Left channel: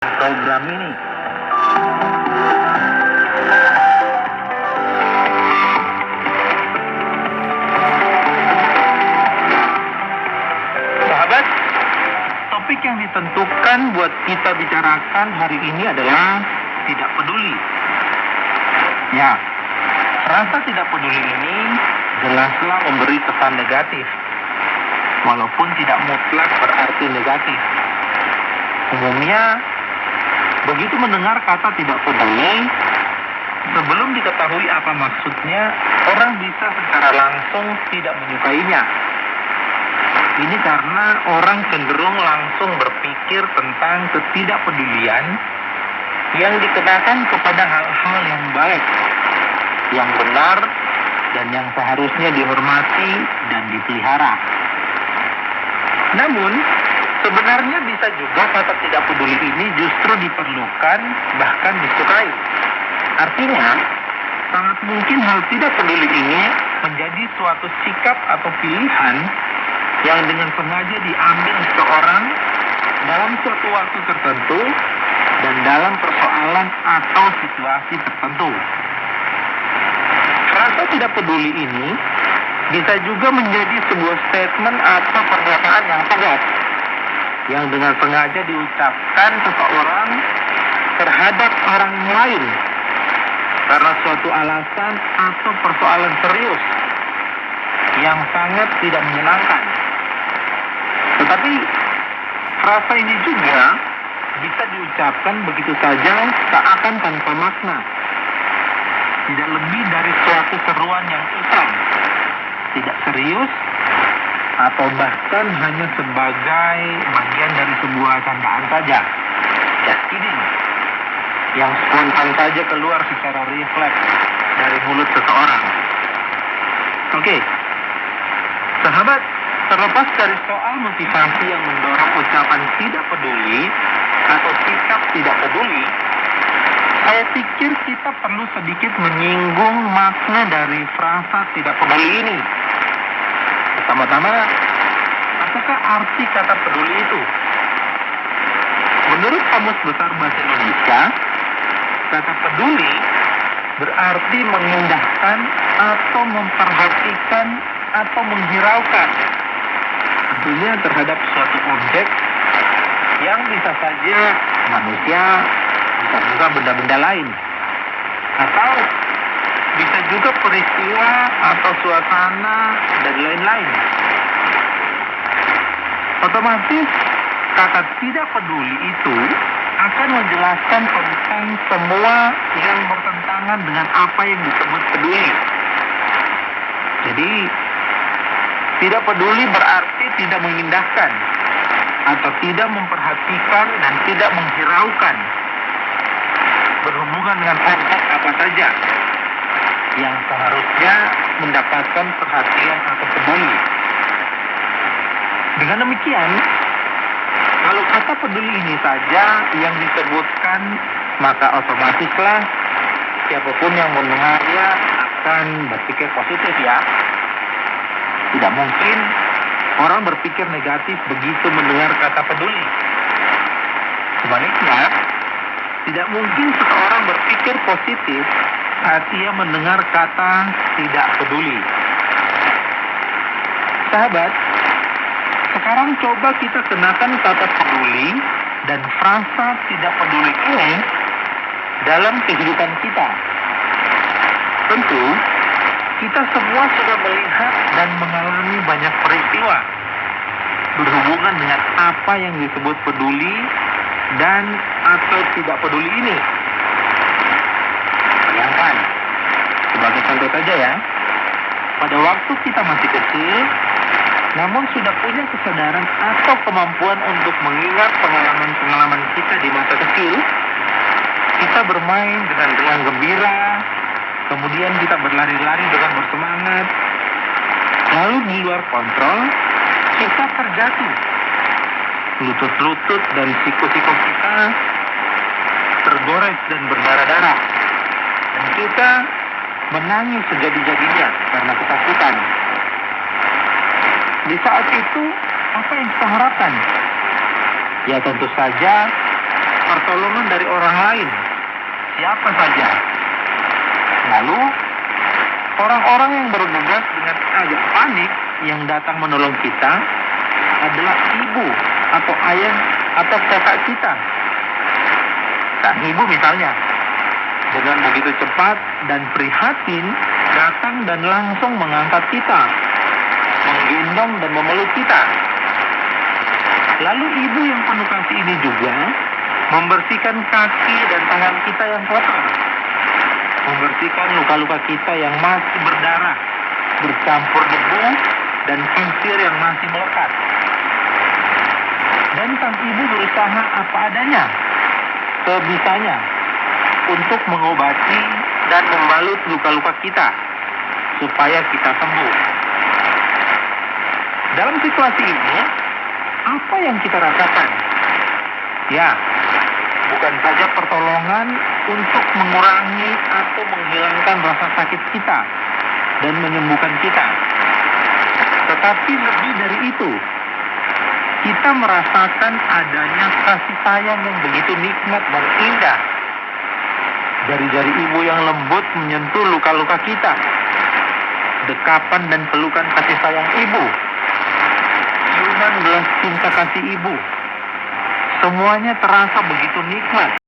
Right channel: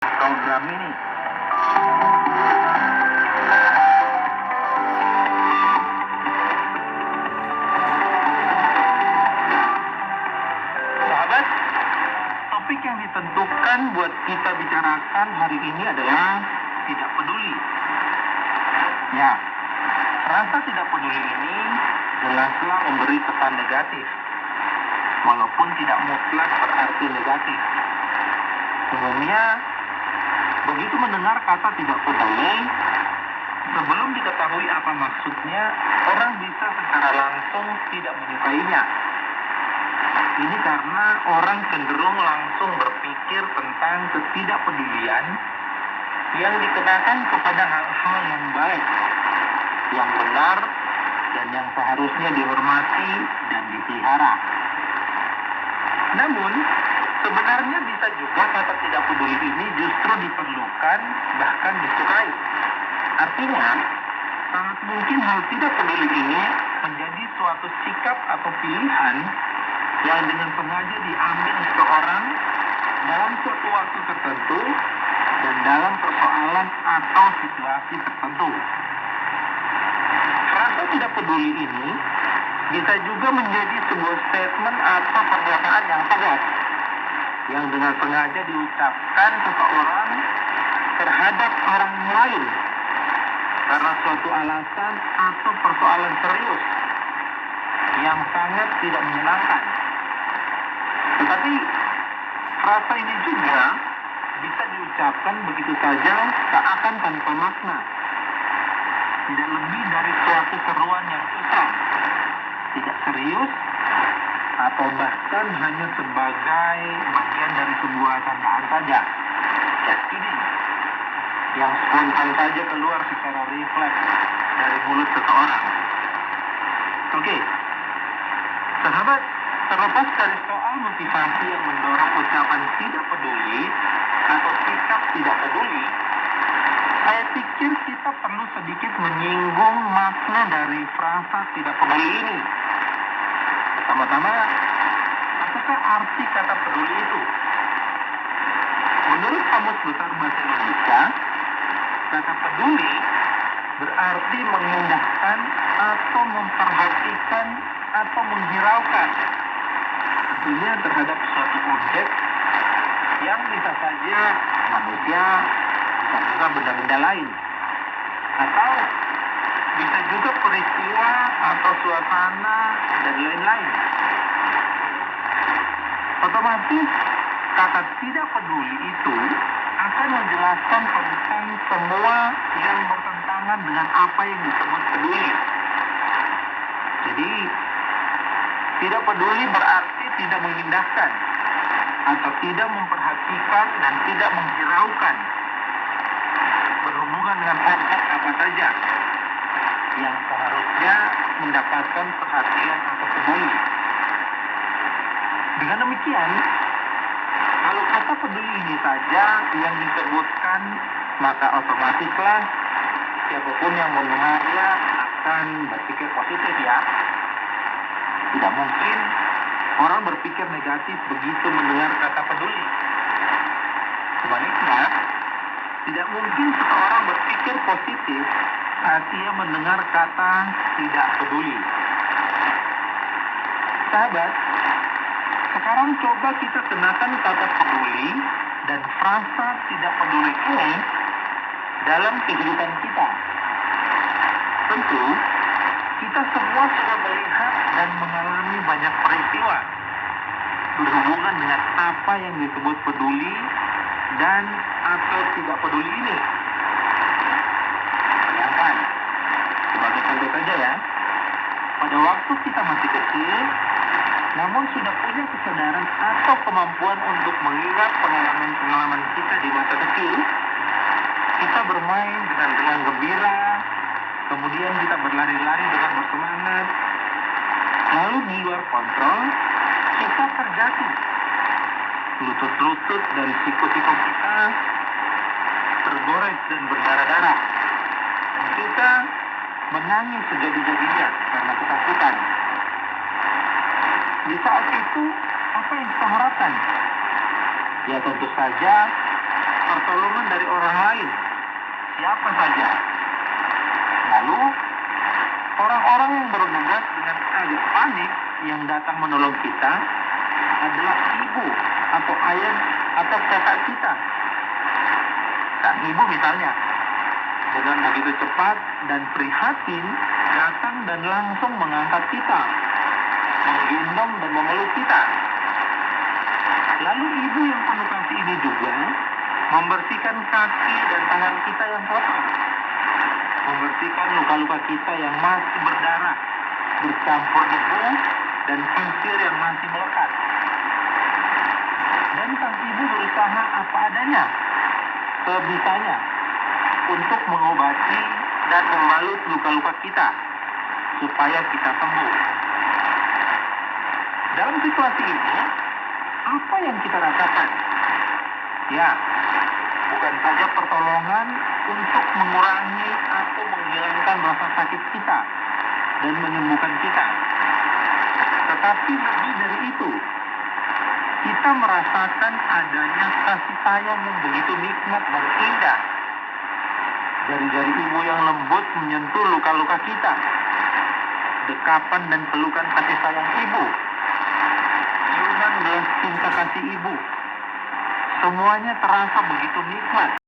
program ini. Sahabat, topik yang ditentukan buat kita bicarakan hari ini adalah tidak peduli. Ya, rasa tidak peduli ini jelaslah memberi kesan negatif, walaupun tidak mutlak berarti negatif. Umumnya, begitu mendengar kata tidak peduli, sebelum diketahui apa maksudnya, orang bisa secara langsung tidak menyukainya. Ini karena orang cenderung langsung berpikir tentang ketidakpedulian yang dikenakan kepada hal-hal yang baik, yang benar, dan yang seharusnya dihormati dan dipelihara. Namun, sebenarnya bisa juga kata tidak peduli ini justru diperlukan, bahkan disukai. Artinya, sangat mungkin hal tidak peduli ini menjadi suatu sikap atau pilihan yang dengan sengaja diambil seseorang dalam suatu waktu tertentu dan dalam persoalan atau situasi tertentu. Rasa tidak peduli ini bisa juga menjadi sebuah statement atau pernyataan yang tegas yang dengan sengaja diucapkan seseorang terhadap orang lain karena suatu alasan atau persoalan serius yang sangat tidak menyenangkan. Tetapi rasa ini juga bisa diucapkan begitu saja seakan tanpa makna, tidak lebih dari suatu seruan yang iseng, tidak serius, atau bahkan hanya sebagai bagian dari sebuah candaan saja, just kidding, yang spontan saja keluar secara refleks dari mulut seseorang. Oke, sahabat, terlepas dari soal motivasi yang mendorong ucapan tidak peduli atau sikap tidak peduli, saya pikir kita perlu sedikit menyinggung makna dari frasa tidak peduli ini. Pertama-tama, apakah arti kata peduli itu? Menurut Kamus Besar Bahasa Indonesia, kata peduli berarti mengindahkan atau memperhatikan atau menghiraukan. Tentunya terhadap suatu objek yang bisa saja manusia, bisa juga benda-benda lain, atau bisa juga peristiwa atau suasana dan lain-lain. Otomatis kata tidak peduli itu akan menjelaskan tentang semua yang bertentangan dengan apa yang disebut peduli. Jadi tidak peduli berarti tidak mengindahkan atau tidak memperhatikan dan tidak menghiraukan berhubungan dengan objek apa saja yang seharusnya mendapatkan perhatian atau peduli. Dengan demikian, kalau kata peduli ini saja yang disebutkan, maka otomatislah siapapun yang mendengarnya akan berpikir positif, ya. Tidak mungkin orang berpikir negatif begitu mendengar kata peduli. Sebaliknya, tidak mungkin seseorang berpikir positif saat ia mendengar kata tidak peduli. Sahabat, sekarang coba kita kenakan kata peduli dan frasa tidak peduli ini dalam kehidupan kita. Tentu, kita semua sudah melihat dan mengalami banyak peristiwa berhubungan dengan apa yang disebut peduli dan atau tidak peduli ini. Bayangkan, sebagai contoh saja ya, pada waktu kita masih kecil, namun sudah punya kesadaran atau kemampuan untuk mengingat pengalaman-pengalaman kita di masa kecil, kita bermain dengan riang gembira, kemudian kita berlari-lari dengan bersemangat, lalu di luar kontrol, kita terjatuh. Lutut-lutut dan siku-siku kita tergores dan berdarah-darah. Dan kita menangis sejadi-jadinya karena ketakutan. Di saat itu, apa yang kita harapkan? Ya tentu saja pertolongan dari orang lain, siapa saja. Lalu, orang-orang yang bergegas dengan agak panik yang datang menolong kita adalah ibu atau ayah atau kakak kita. Sang ibu misalnya, dengan begitu cepat dan prihatin, datang dan langsung mengangkat kita, menggendong dan memeluk kita. Lalu ibu yang penuh kasih ini juga membersihkan kaki dan tangan kita yang kotor, membersihkan luka-luka kita yang masih berdarah, bercampur debu dan pasir yang masih melekat. Dan sang ibu berusaha apa adanya, sebisanya, untuk mengobati dan membalut luka-luka kita, supaya kita sembuh. Dalam situasi ini, apa yang kita rasakan? Ya, bukan saja pertolongan untuk mengurangi atau menghilangkan rasa sakit kita dan menyembuhkan kita, tetapi lebih dari itu, kita merasakan adanya kasih sayang yang begitu nikmat dan indah. Jari-jari ibu yang lembut menyentuh luka-luka kita. Dekapan dan pelukan kasih sayang ibu. Ciuman belas cinta kasih ibu. Semuanya terasa begitu nikmat.